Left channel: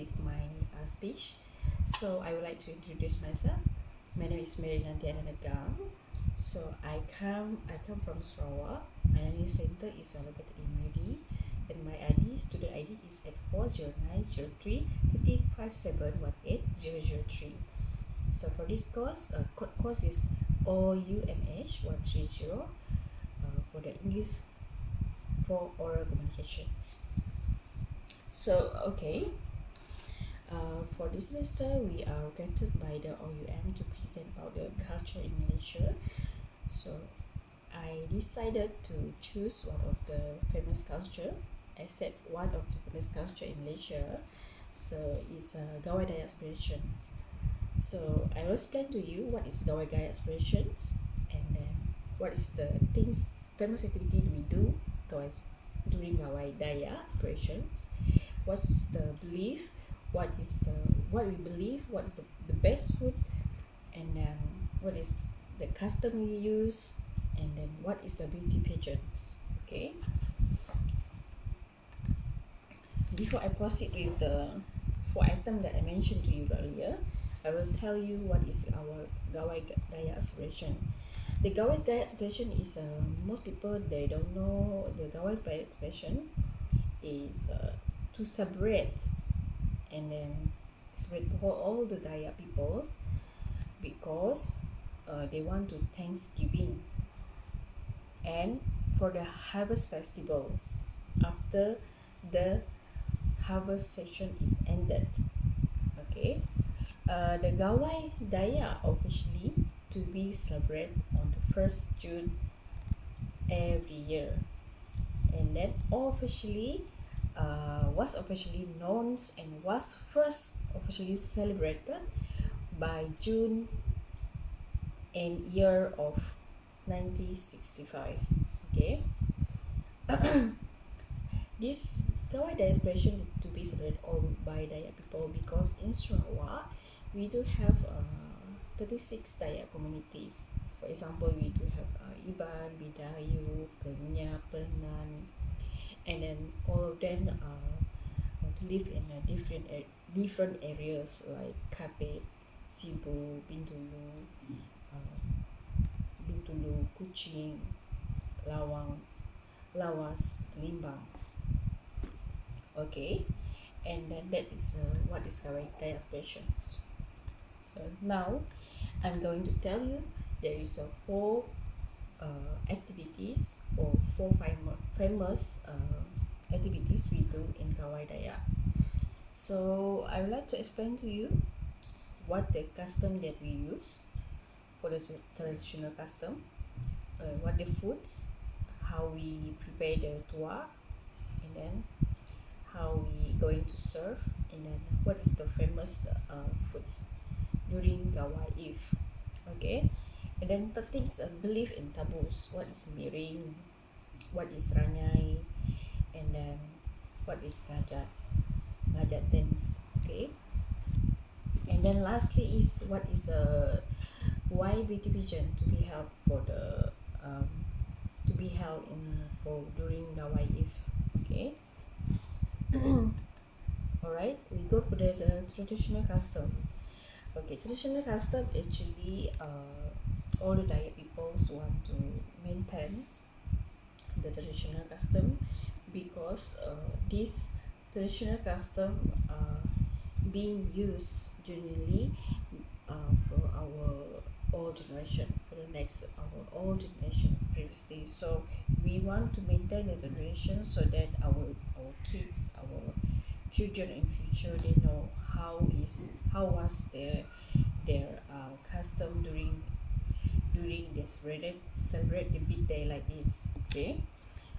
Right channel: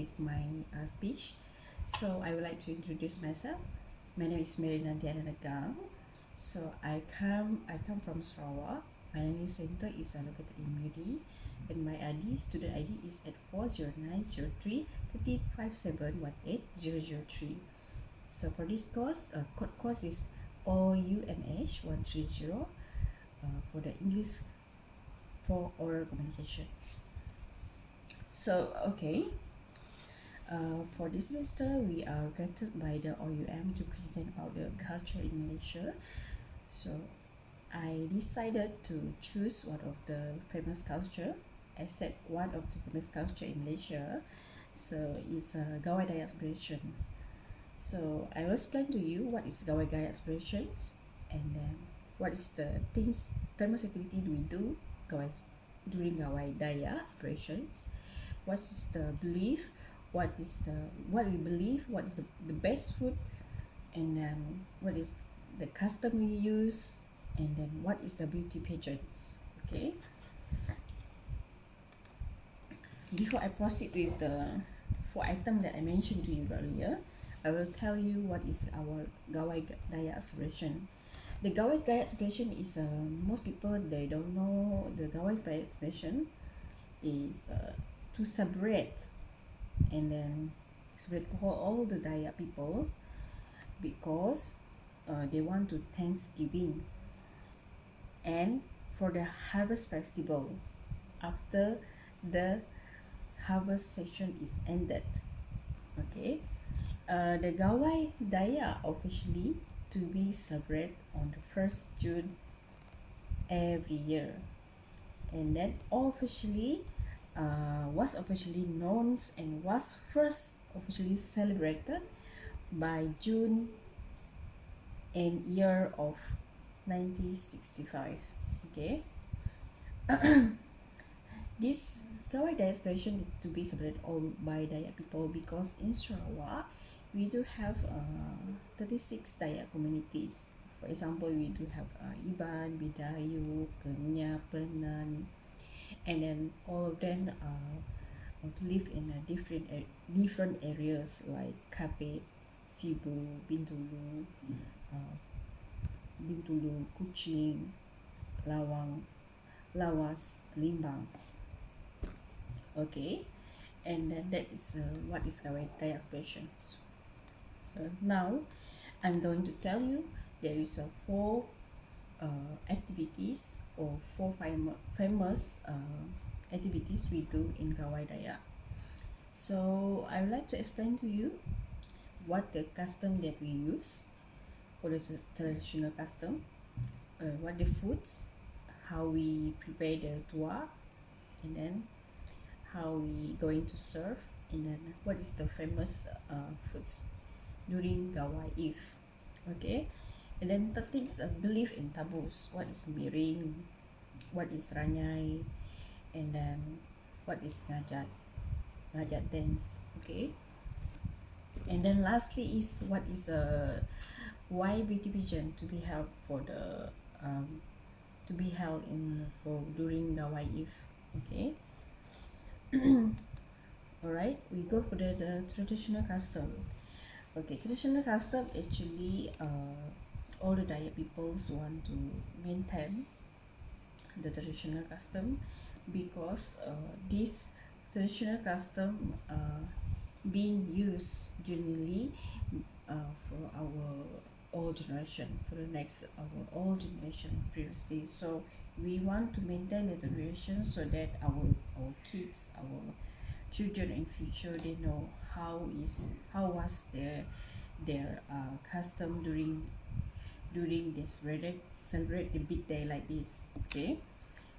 with my speech. So I would like to introduce myself. My name is Mary Nandiana Nagang. So I come from Sarawak. My learning center is located in Miri, and my student ID is at 40903 So for this course, code course is OUMH1303 for the English for oral communications. So okay, for this semester we are granted by the OUM to present about the culture in Malaysia. So I decided to choose one of the famous culture. I said one of the famous culture in Malaysia. So it's Gawai Dayak Celebration. So I will explain to you what is Gawai Dayak Celebration, and then what is the things, famous activity we do during Gawai Dayak Celebrations. What's the belief? What we believe? What is the best food? And then what is the custom we use? And then what is the beauty pageants? Okay. Before I proceed with the 4 items that I mentioned to you earlier, I will tell you what is our Gawai Dayak Celebration. The Gawai Dayak Celebration is most people they don't know the Gawai Dayak Celebration is to celebrate and then celebrate for all the Dayak peoples because they want to Thanksgiving and for the harvest festivals after the harvest session is ended. Okay, the Gawai Dayak officially to be celebrated on the 1st June every year, and then officially was officially known and was first officially celebrated by June and year of 1965. Okay. This Gawai Dayak celebration to be celebrated all by Dayak people because in Sarawak we do have 36 Dayak communities. For example, we do have Iban, Bidayu, Kenya, Penan, and then all of them to live in different areas like Kapit, Sibu, Bintulu, Kuching, Lawang, Lawas, Limbang. Okay, and then that is what is Gawai Dayak expressions. So now I'm going to tell you there is 4 activities or 4 famous activities we do in Gawai Dayak. So I would like to explain to you what the custom that we use for the traditional custom, what the foods, how we prepare the tuak, and then how we going to serve, and then what is the famous foods during Gawai Eve. Okay, and then the things belief in taboos, what is miring, what is ranyai, and then what is ngajat dance. Okay, and then lastly is what is why beauty pageant to be held for the to be held in for during Gawai Eve. Okay. Alright, we go for the traditional custom. Okay, traditional custom actually all the Dayak peoples want to maintain the traditional custom because this traditional custom being used generally for our old generation, for the next our old generation previously. So we want to maintain the generation so that our kids, our children in future, they know how was their custom during this celebrate the big day like this. Okay,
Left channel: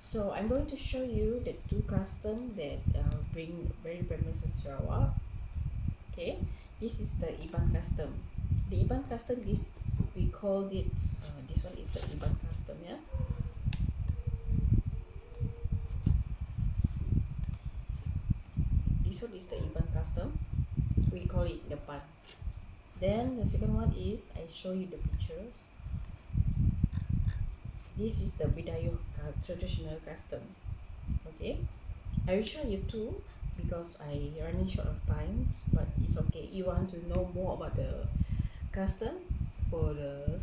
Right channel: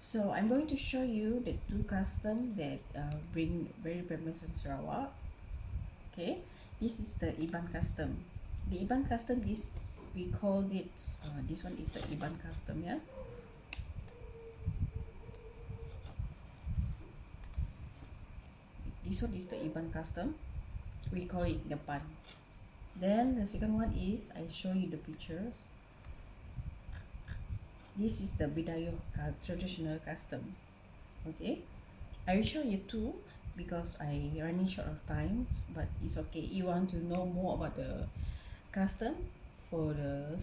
so I'm going to show you the 2 custom that bring very famous in Sarawak. Okay, this is the Iban custom. The Iban custom is, we called it this one is the Iban custom. Yeah, this one is the Iban custom, we call it the pan. Then the second one is, I show you the pictures. This is the Bidayo traditional custom. Okay, I will show you 2 because I running short of time, but it's okay. You want to know more about the custom for the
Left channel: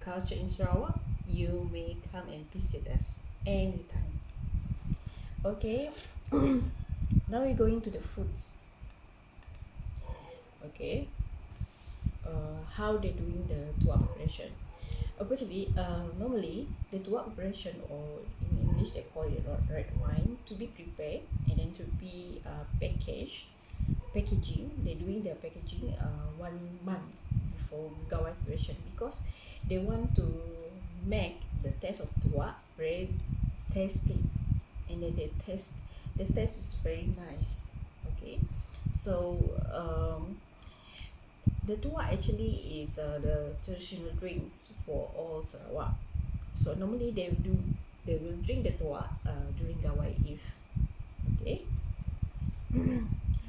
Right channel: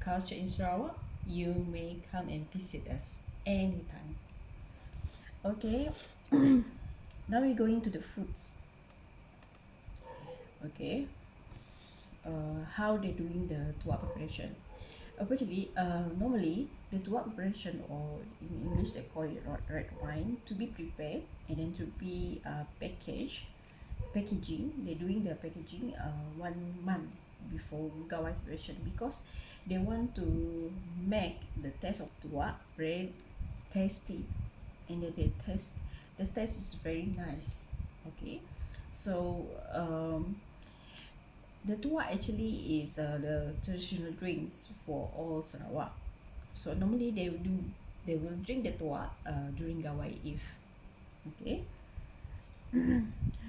culture in Sarawak, you may come and visit us anytime. Okay. Now we're going to the foods. Okay. How they're doing the tuak preparation. Actually, normally the tuak preparation, or in English they call it red wine, to be prepared and then to be packaging. They're doing the packaging 1 month before Gawai celebration, because they want to make the taste of tuak very tasty, and then the taste is very nice. Okay, so the tuak actually is the traditional drinks for all Sarawak. So normally they will drink the tuak during Gawai Eve. Okay.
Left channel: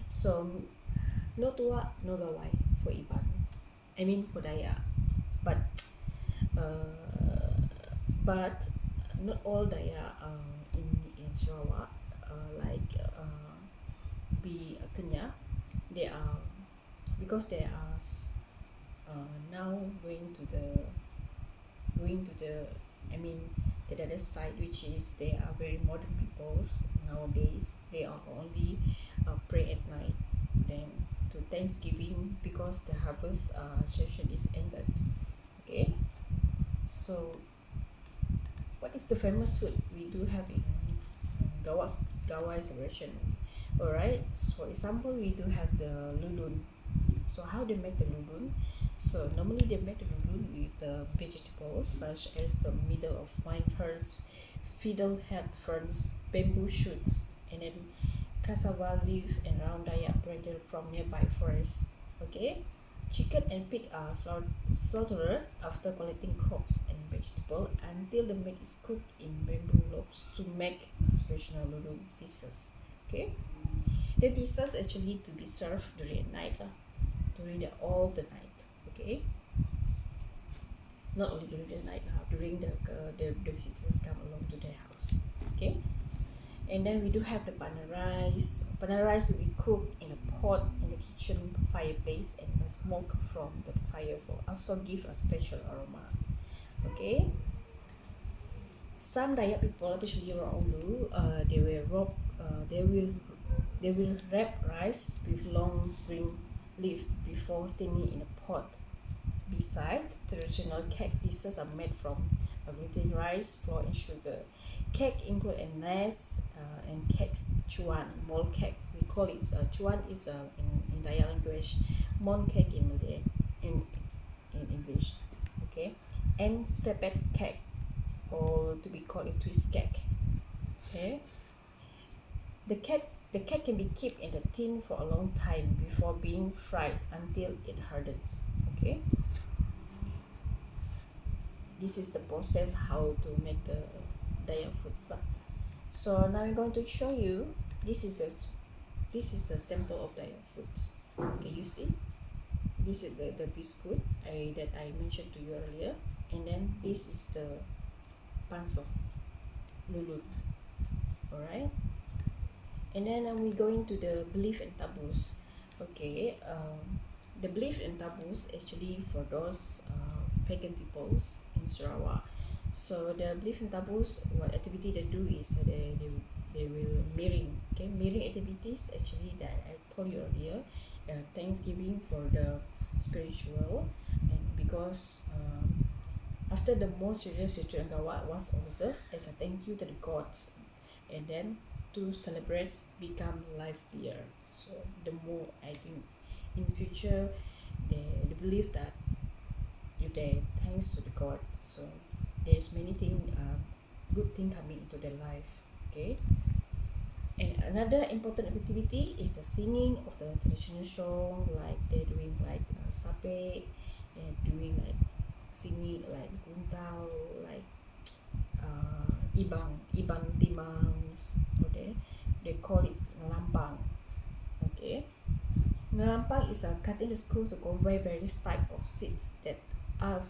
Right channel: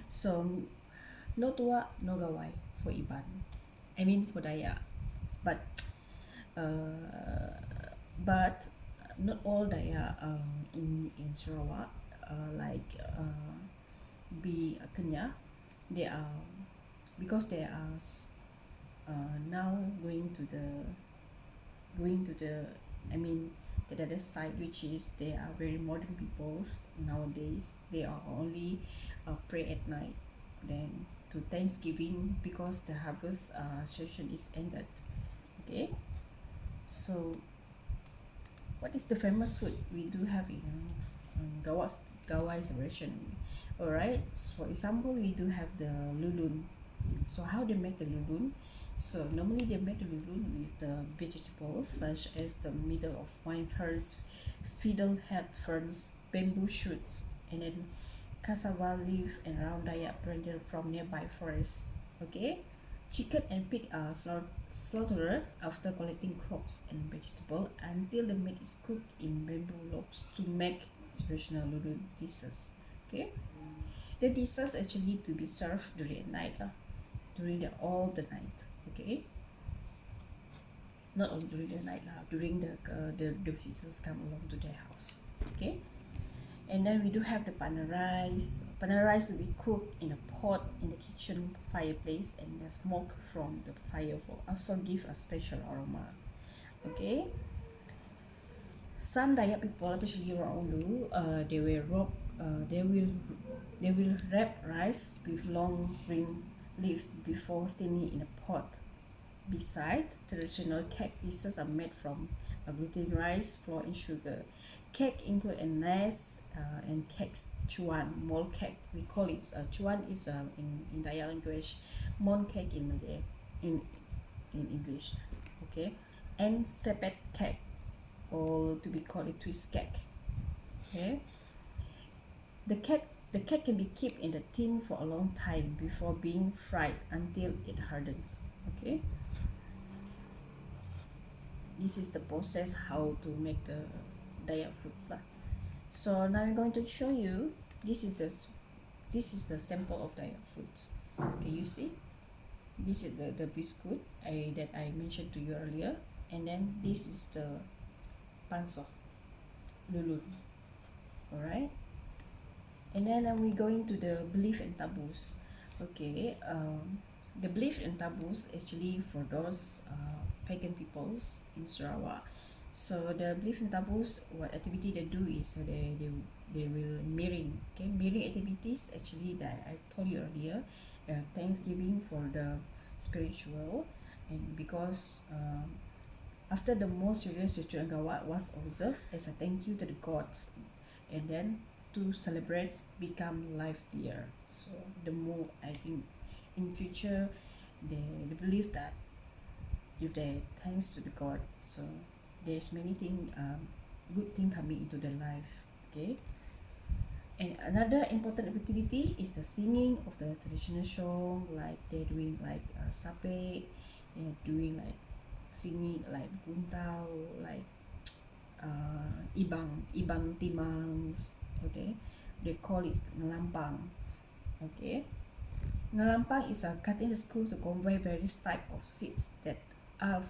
So no tuak, no Gawai for Iban. I mean for Dayak. But uh, but not all Dayak in Sarawak like be Kenyah. They are, because they are now going to the I mean the other side, which is they are very modern peoples nowadays. They are only pray at night, then to Thanksgiving, because the harvest session is ended. Okay, so what is the famous food we do have in Gawai celebration? Alright, so for example, we do have the lulun. So how they make the lulun? So normally they make the lulun with the vegetables such as the middle of vine ferns, fiddlehead ferns, bamboo shoots, and then cassava leaf and round Dayak branches from nearby forests. Okay, chicken and pig are slaughtered after collecting crops and vegetables until the meat is cooked in bamboo logs to make traditional lulun dishes. Okay, the dishes actually to be served during night during all the night. Okay, not only during the night during the visitors come along to their house. Okay, and then we do have the pandan rice. Pandan rice will be cooked in a pot in the kitchen fireplace, and the smoke from the fire will also give a special aroma. Okay, some Dayak people, especially around Ulu, they will wrap rice with long green leaf before steaming in a pot. Beside, traditional cake dishes are made from gluten rice, flour, and sugar. Cake include a nice and cakes chuan, mole cake. We call it chuan is in Dayak language, mon cake in Malay, in English. Okay, and sepet cake, or to be called a twist cake. Okay, the cake can be kept in the tin for a long time before being fried until it hardens. Okay, this is the process how to make the Dayak foods lah. So now I'm going to show you, this is the sample of Dayak foods. Okay, you see, this is the biscuit that I mentioned to you earlier, and then this is the pansok lulun. Alright, and then we're going to the belief and taboos. Okay, the belief and taboos actually for those pagan peoples in Sarawak. So the belief and taboos, what activity they do is they will mirroring. Okay, mirroring activities actually that I told you earlier. Thanksgiving for the spiritual, and because after the most serious ritual Gawai was observed as a thank you to the gods, and then to celebrate become livelier. So the more, I think in future they believe that if they thanks to the god, so there's many thing good thing coming into their life. Okay, and another important activity is the singing of the traditional song, like they're doing like sape, they're doing like singing like guntau, like ibang timangs. Okay, they call it ngelampang. Okay, ngelampang is a cutting the school to convey various type of seeds that are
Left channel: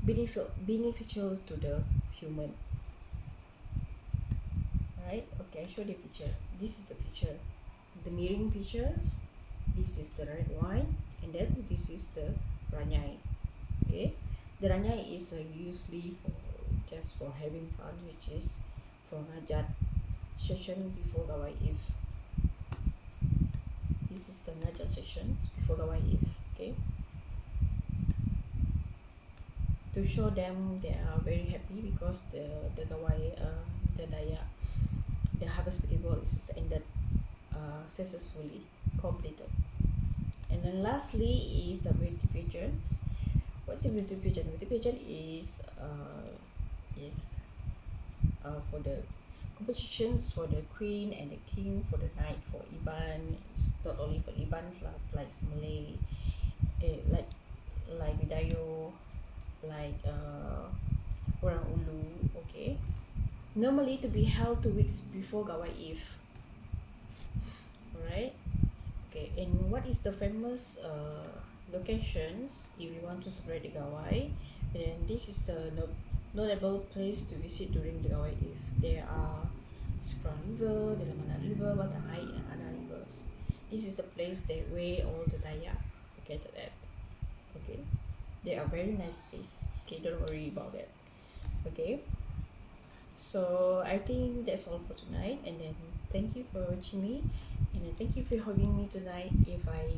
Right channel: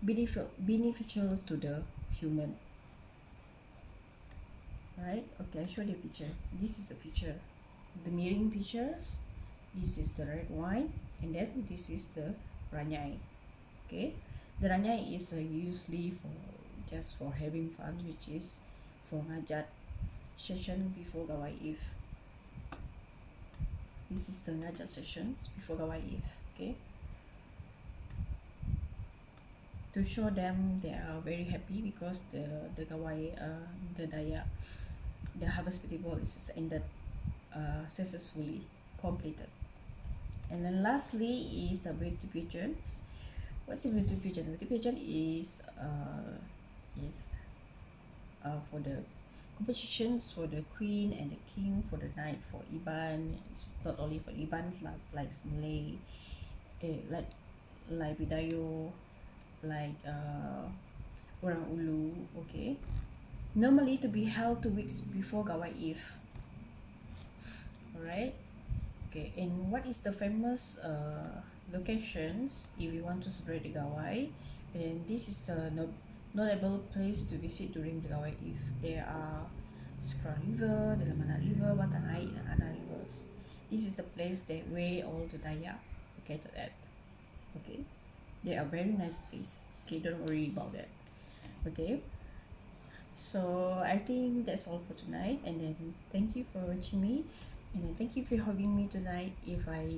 beneficial to the human. Right, okay, I show the picture. This is the picture. the mirroring pictures. This is the red wine, and then this is the ranyai. Okay, the ranyai is usually for just for having fun, which is for ngajat session before Gawai Eve. This is the ngajat sessions before Gawai Eve. Okay, to show them they are very happy because the Gawai the Dayak, the harvest festival is ended successfully completed. And then lastly is the beauty pageants. What's the beauty pageant? Beauty pageant is for the competitions for the queen and the king for the night for Iban. It's not only for Iban, like Malay, like Bidayo, like Orang Ulu. Okay, normally to be held 2 weeks before Gawai Eve. Alright. Okay, and what is the famous locations if we want to celebrate the Gawai? And this is the notable place to visit during the Gawai Eve. There are Skra River, the Lamana River, Batang Air, and other rivers. This is the place that where all the Dayak located at. Okay, they are very nice place. Okay, don't worry about that. Okay, so I think that's all for tonight, and then thank you for watching me, and then thank you for having me tonight. If I